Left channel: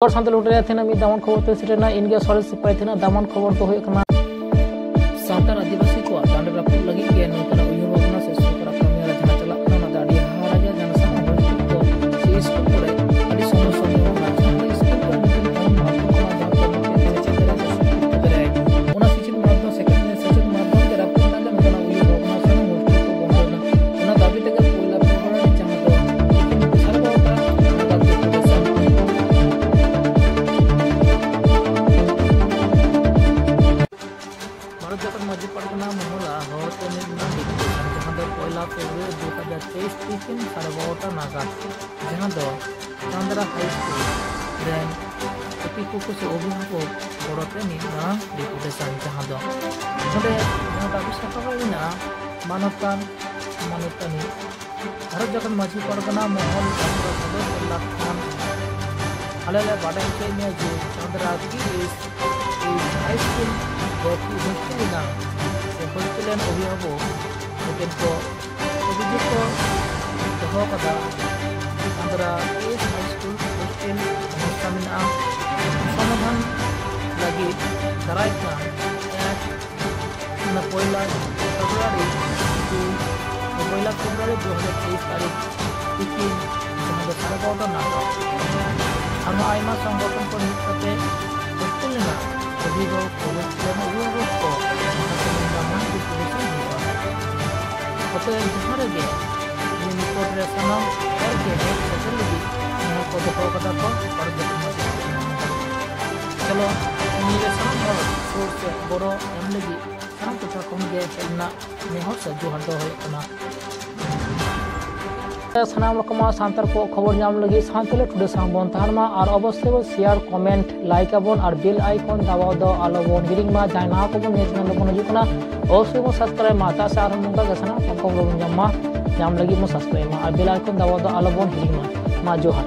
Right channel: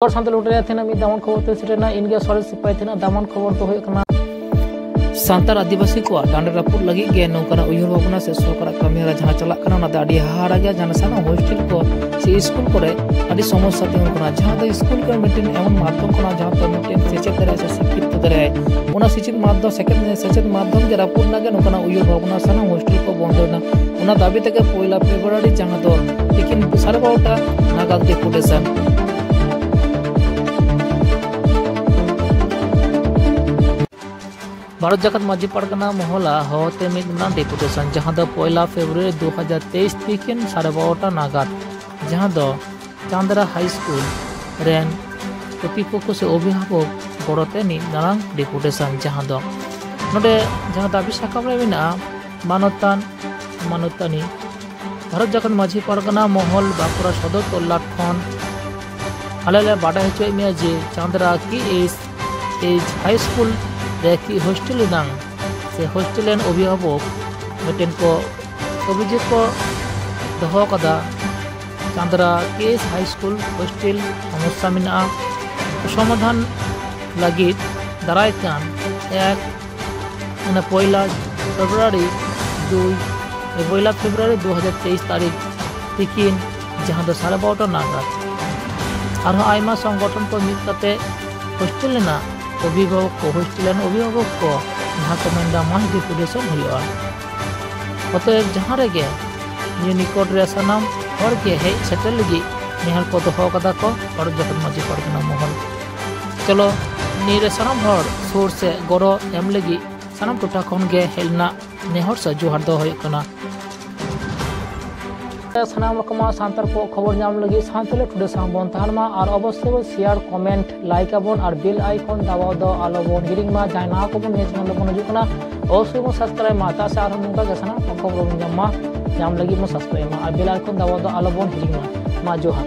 और साथ लुटे थे मी दामन खबर ते सेटना इनगे सर सिपाही थे दामन खबर तो होय कना सान्तार आदिवासी को डांडे रापुर लगी गे नौकरा उयहर भावना से सरकार कमी जहां चला कना ना दाडी हारा गया जहां साना हॉस्टल को से स्कूल करे आदि समस्या भी कना जहां स्कूल का मीटिंग एवं माध्यम कना जहां पे मीटिंग सेचेत करे से शिक्षित करे ओना शिक्षित माध्यम सेकंड सेचेत माध्यम के रापुर लगे नौकरा उयहर भावना साना हॉस्टल को बंदेना ओना दाबी तक पहिला फेब्रुआरी जहां तो लेकिन सरकारटा नागाद के पुलिस भारत जगत माझी पड़गना मोहला होते मिलना डेपुटेशन जहां दो पहला फेब्रुआरी 2023 तीन 12:30 नागाद जहां दो चांदरा हाई स्कूल रेन प्रतिपक्ष से अभिभावक गड़ते नाना डेपुटेशन जहां दो नोडे जहां दाबी साकाब मेना मानतान मानतानी भारत जगत माझी पड़गना मोहल बांकुड़ा सदर कोल्ला खन आले बाडा होचे जे चांदरा की एज हाई स्कूल देखी हॉस्टल नांग से हॉस्टल अभिभावक मिट्टन को अभियोग को दहो कदा चांदरा केस हाई स्कूल हॉस्टल समस्या मेना समाधान लगी दाराय कान एक पहला फेब्रुआरी 2023 तारीख तीन जहां दो 12:30 नागाद और संगठन को मिल करते हॉस्टल अभिभावक को हॉस्टल अभिभावक को जहाँ को मेना माह डेपुटेशन हुआ अतएव जहाँ रे निकट रे सानाम हर के हेज सेटल लगी नेहर को दहो कदा को और जगत माझी पड़गना महल चलो नीरे सानाम हर सोर से गड़ो एम लगी सानाम टोटा खन गे हेलना नेहर से जोहार दो होय कना सानाम रकमा सांतार को खबर नाम लगी सांतले टुडे सांबन तानमा और अवश्य शेयर कमेंट लाइक आबन और बेल आइकन दबाव दो आलोबन हिरिंग मा जायना को बन चैनल बन जुकना अवश्य मो सब्सक्राइब माता से आर मुंगा गसना खबर नाम लगी मो सब्सक्राइब मा और बेल आइकन दबाव दो आलोबन हिरिंग मा जोहार।